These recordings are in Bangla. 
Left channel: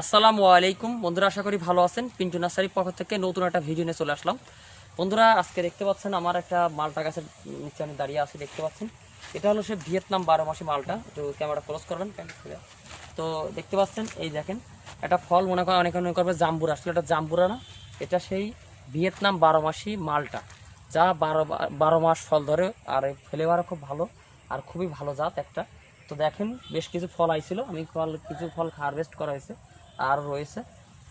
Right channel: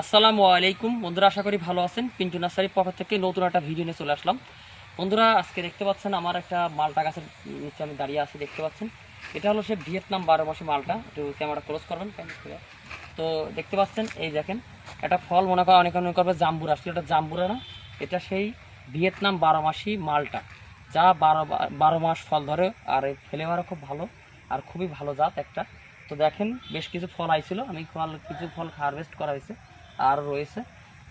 আসসালামু আলাইকুম বন্ধুরা, আশা করি ভালো আছেন। পিন্টু নার্সারির পক্ষ থেকে নতুন একটা ভিডিও নিয়ে চলে আসলাম। বন্ধুরা, আজকে দেখতে পাচ্ছেন আমার একটা মালটা গাছের নিচে আমি দাঁড়িয়ে আছি, দেখতে পাচ্ছেন। এটা হলো সে ভিয়েতনাম 12 মাসি মালটা। একটু ক্যামেরা ক্লোজ করবেন। তো দেখতে পাচ্ছেন, এই দেখেন একটা ফল, মনে করেন অনেকে মনে করবে জাম্বুরা, আসলে এটা জাম্বুরা না, এটা সেই ভিয়েতনাম 12 মাসি মালটা, যা 12 মাস ফল ধরে। আর এই ফ্লেভারও খুব ভালো, আর খুবই ভালো জাত একটা। তো দেখেন, বেশ কিছু ফল আইছিল, আমি কিছু ফল হারভেস্ট করা হয়েছে আর রয়েছে।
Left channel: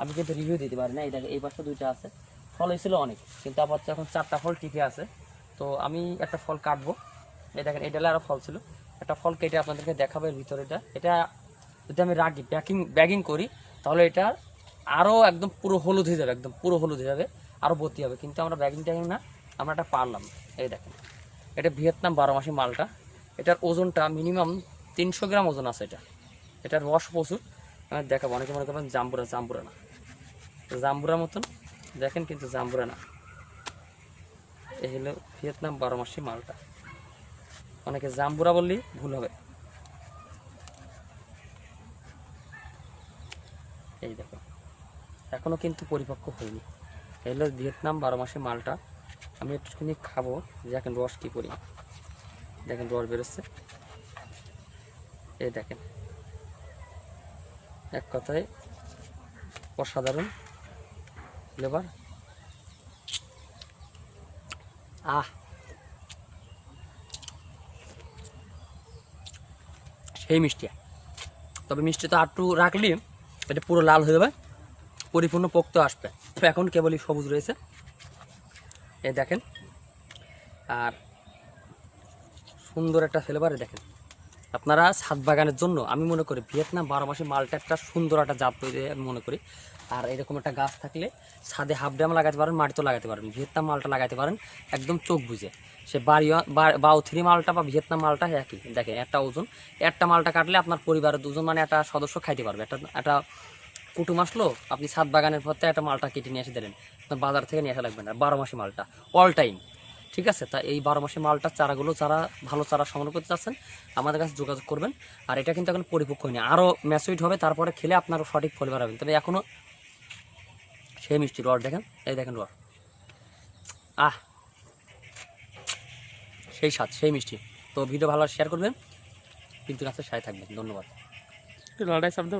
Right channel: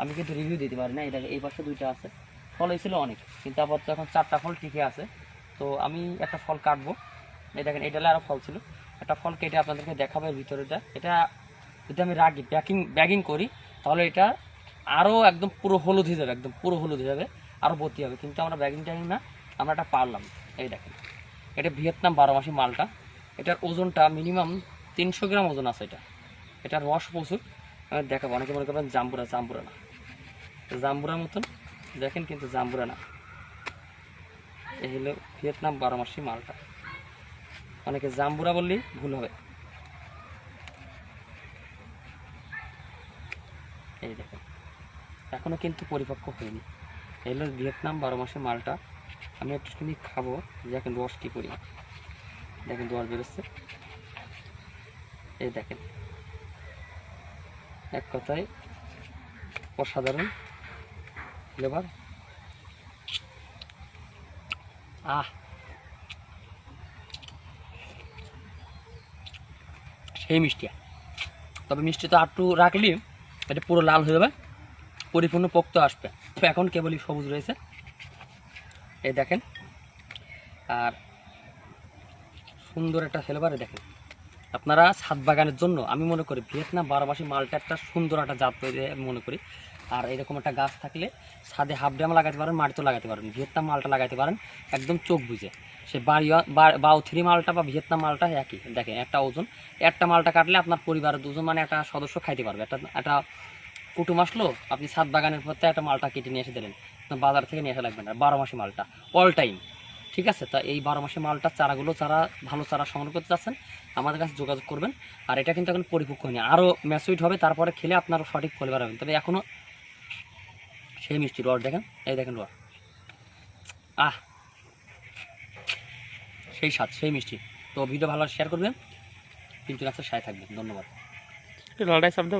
আমি কিন্তু রিভিউ দিতে পারি না। এই দেখেন, এই পাশে দুইটা আছে, ফল হয়েছিল অনেক, কিন্তু আপাতত এখন 4টা ফল টিকে আছে। তো আমি একটা ফল কাটবো। এই দেখেন, এই ডালে আরও ফল ছিল, একটা ফল কেটে আপনাদেরকে দেখাবো। এর ভিতরেটা এটা যদি আমি রাখি ব্যাগিং করি, তাহলে এটা আরও একদম পুরো হলুদ হয়ে যাবে, একদম পুরো হলুদ হয়ে যাবে, আরও ভর্তি হবে। কিন্তু আমরা ব্যাগিং না, আমরা এটা পারলাম। এই দেখেন, এটা ভিয়েতনাম 12 মাসি মালটা। এটার ওজনটা মিনিমাম 300 গ্রাম ওজন আছে। এটার রস প্রচুর। দেখাবো। অনেকে মনে করবেন জাম্বুরা না, জাম্বুরার মতন দেখেন, কিন্তু জাম্বুরা না। এই হলো ভিয়েতনাম 12 মাসি মালটা। অনেকে জাম্বুরা বললেই ভুল হবে। এই দেখেন, এখনও কিন্তু পরিপক্ক হয়নি। এই হলো ভিয়েতনাম 12 মাসি মালটা। আমি একটুখানি খাবো, দেখেন রস কী করি। দেখেন রস বেরোচ্ছে, এই দেখেন, এক কথায় অসাধারণ ফ্লেভার। সেই মিষ্টি, তবে মিষ্টি তো একটু রাখলে এটা পুরো লাল হয়ে যাবে, পরিপূর্ণ পোক্ত আসবে। এখন কেবলই সবুজ রয়েছে, এই দেখেন। আর সুন্দর একটা ফ্লেভারে দেখেন। আপনারা ছাদ বাগানের জন্য আমি মনে করি ভিয়েতনাম 12 মাসি মালটা একটা সুন্দর একটা জাত তৈরি আমি মনে করি। আর এরকম একটা গাছ থাকলে ছাদে হাফ ড্রাম লাগাতে পারেন, মাটিতেও লাগাতে পারেন। ভিয়েতনাম মালটা লাগাতে পারেন একদম চোখ বুঝে। সে বাউ 3 মালটা বা ভিয়েতনাম মালটা একই। দেখেন, একটা ওজন, একটা মালটা কাটলে আপনার পরিবারের দুজন, মানে একটা সদস্য খাইতে পারবে। একটা কুটুম আসলো, আপনি ছাদ বাগানের পথে একটা মালটা কেটে নিয়ে এসে দিলেন, বাজার থেকে নিয়ে আসা লাগবে না। 12 মাসি মালটা অল টাইম, ঠিক আছে। তা এই 12 মাসি মালটার চারাগুলো, ভালো চারা সংগ্রহ করতে চাচ্ছেন, আমাদের কাছে যোগাযোগ করবেন। আর এটা কিন্তু এখন পরিপক্ক হয়নি, আরও ম্যাচুইড হবে, তারপরে খেলে আপনারও সঠিক ফ্লেভার হবে। তবে এখনও সেই মিষ্টি। রস দেখেন, এই দেখেন রস, সেই স্বাদ, সেই মিষ্টি। তো ভিডিও ভালো শেয়ার করবেন, কিন্তু গাছের সাথে থাকবেন। ধন্যবাদ। একটু লড়াই শব্দ।